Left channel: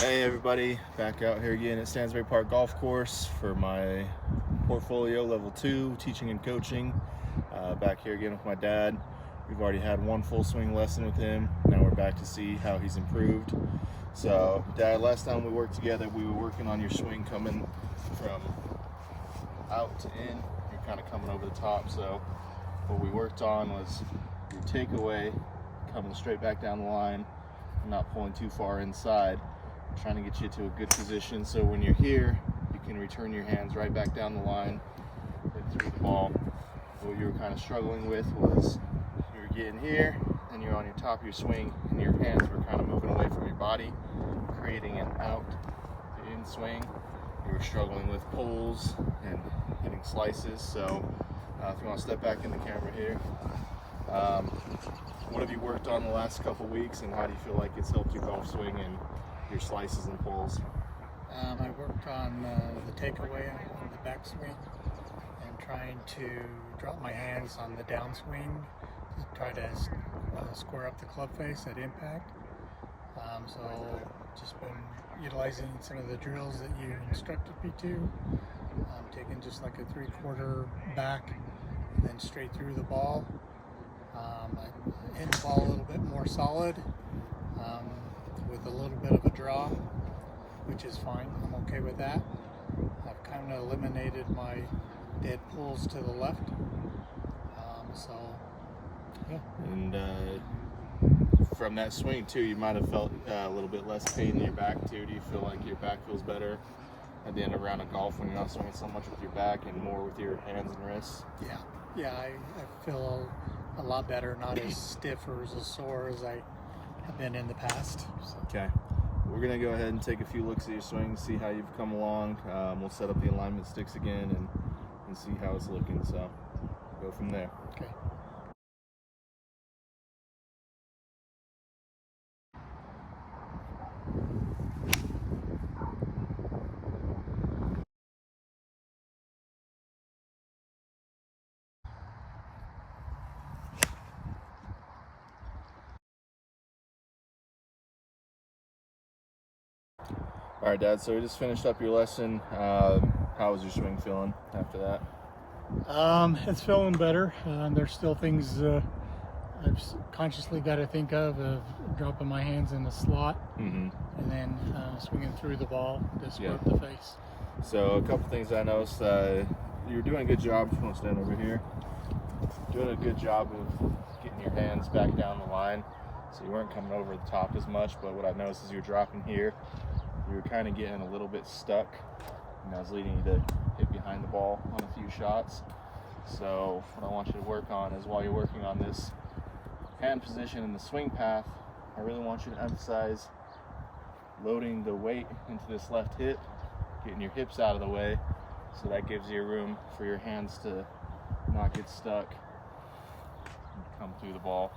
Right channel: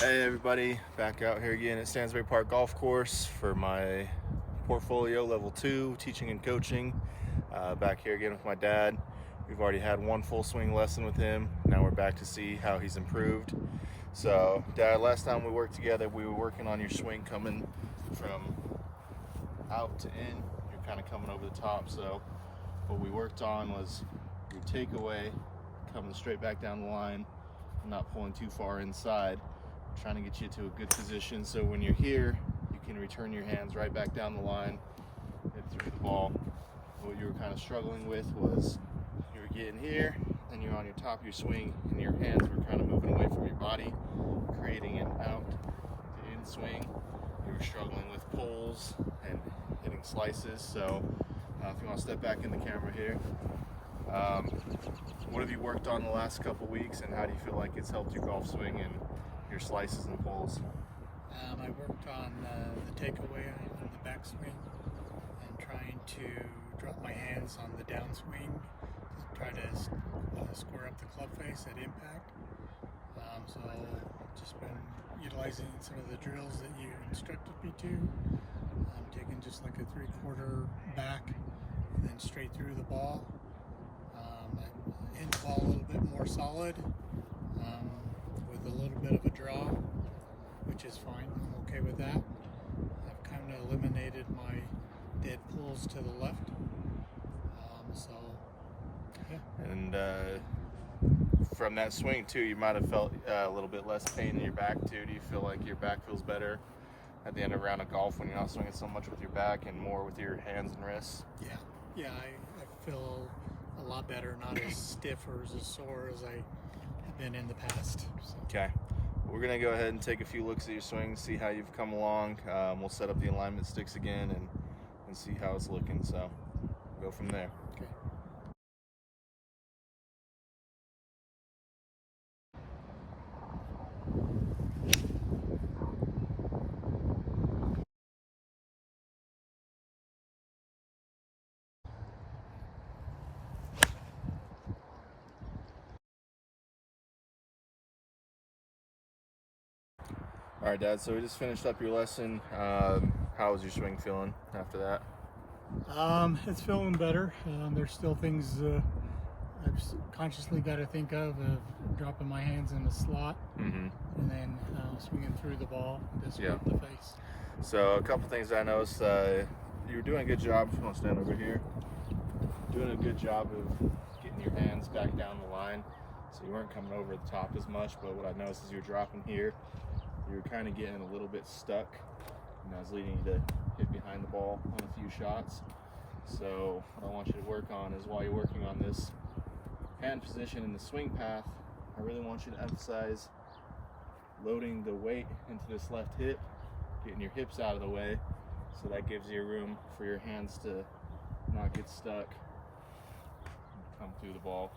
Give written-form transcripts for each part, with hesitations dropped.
Hey everybody, back out here again at Stansbury Park Golf Course for my portfolio level 2 teaching and coaching. Back here again with my dad. We've already had one full swing lesson with him. Now we're back to see how he's improved. So Dad, last time we worked together we were working on your swing coming from out to in. You're kind of coming over the top. So what we worked on was your takeaway coming straight back down the line and not pulling too far inside. Trying to get you to a good position so when you're here you can return your hands right back down the line and through the ball. What you were kind of struggling with was you were getting here and you're on your top of your swing and your hands were kind of moving away from your body, creating an out to in swing. You were struggling with pulls and hitting slices. So if you want to step back in the camera here, what have you worked on the last couple weeks and how do you feel like it's helped your golf swing and your slices and pulls? I worked on the takeaway on the backswing and trying to drop my hands on the downswing to try to square up the club face at impact. So just been utilizing some of the drills that you instructed me to. Taking just like a 3/4 back and then straight through the ball. I hit the ball a little bit more solid. With a little bit of a draw, which is fine. I'm okay with that. I've kind of eliminated my dead pulls to the left. So, yeah. And from that swing too, you might have felt a little bit less pain in your back too. Do you feel like your back feels better at the end of a round of golf when you're not swinging so much with your back and more with your hands and wrists? Yeah, I feel a lot better, not as stiff or as sore as I have been in the past. So. Okay, we're gonna go ahead and take a few looks at your swing, see how you've come along. We'll set up the alignment sticks again and see how it's looking. So go from there. Okay. All right, Dad, so we just finished up your lesson. How was your swing feeling after that? It's feeling better. There's still things I've consciously got to think of dropping my hands in the slot and then swinging through the ball to scrape the face. So a couple things I noticed. You're doing a good job. If you want to stand over here, doing a good job of getting your hands back down the line. So you weren't coming over the top as much, but what I noticed is you're dropping here. You were kind of getting a little bit stuck, and that was leading you to hit behind the ball on a few shots. So what I want you to work on is while you're working on this hand position in the swing path, I really want you to emphasize loading the weight into this left hip, getting your hips out of the way, so that gives you room for your hands to not get stuck and come through the ball.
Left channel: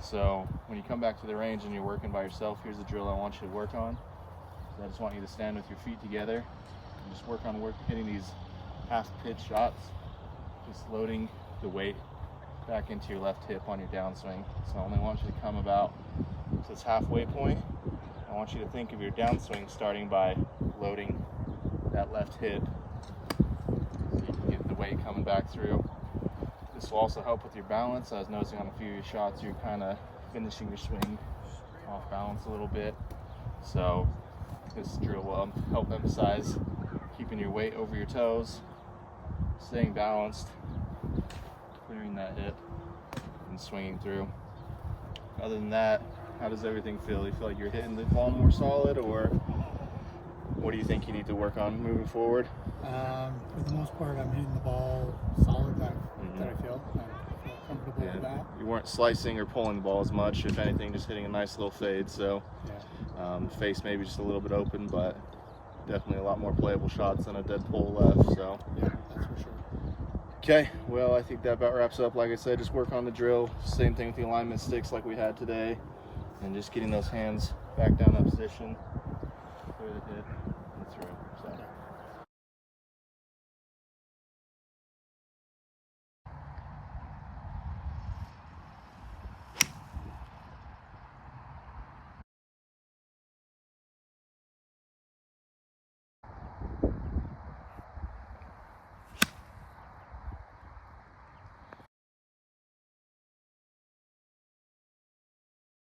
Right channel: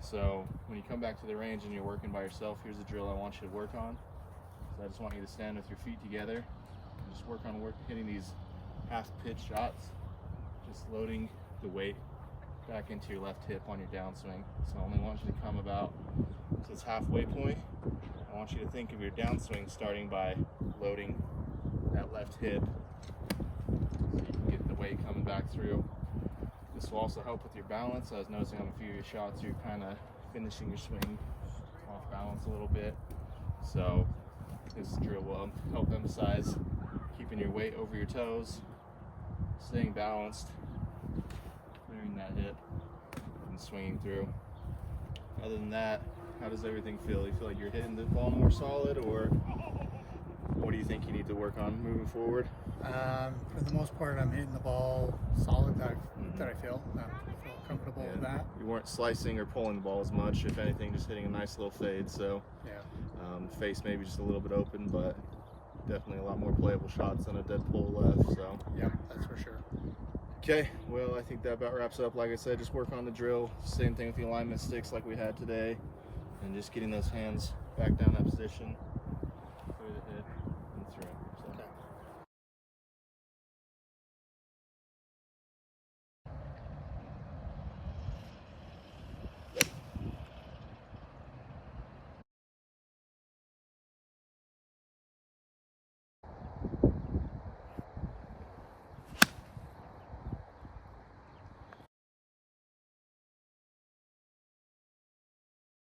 So when you come back to the range and you're working by yourself, here's the drill I want you to work on. So I just want you to stand with your feet together and just work on hitting these half pitch shots, just loading the weight back into your left hip on your downswing. So I only want you to come about to this halfway point. I want you to think of your downswing starting by loading that left hip so you can get the weight coming back through. This will also help with your balance. I was noticing on a few of your shots you're kind of finishing your swing off balance a little bit. So this drill will help emphasize keeping your weight over your toes, staying balanced, clearing that hip, and swinging through. Other than that, how does everything feel? You feel like you're hitting the ball more solid, or what do you think you need to work on moving forward? For the most part, I'm hitting the ball solid that I feel. I feel comfortable with that. You weren't slicing or pulling the ball as much. If anything, just hitting a nice little fade. So face maybe just a little bit open, but definitely a lot more playable shots than a dead pull left. So yeah, that's for sure. Okay, well, I think that about wraps up. Like I said, just work on the drill. Same thing with the alignment sticks like we had today, and just getting those hands back down that position, clear the hit, and through.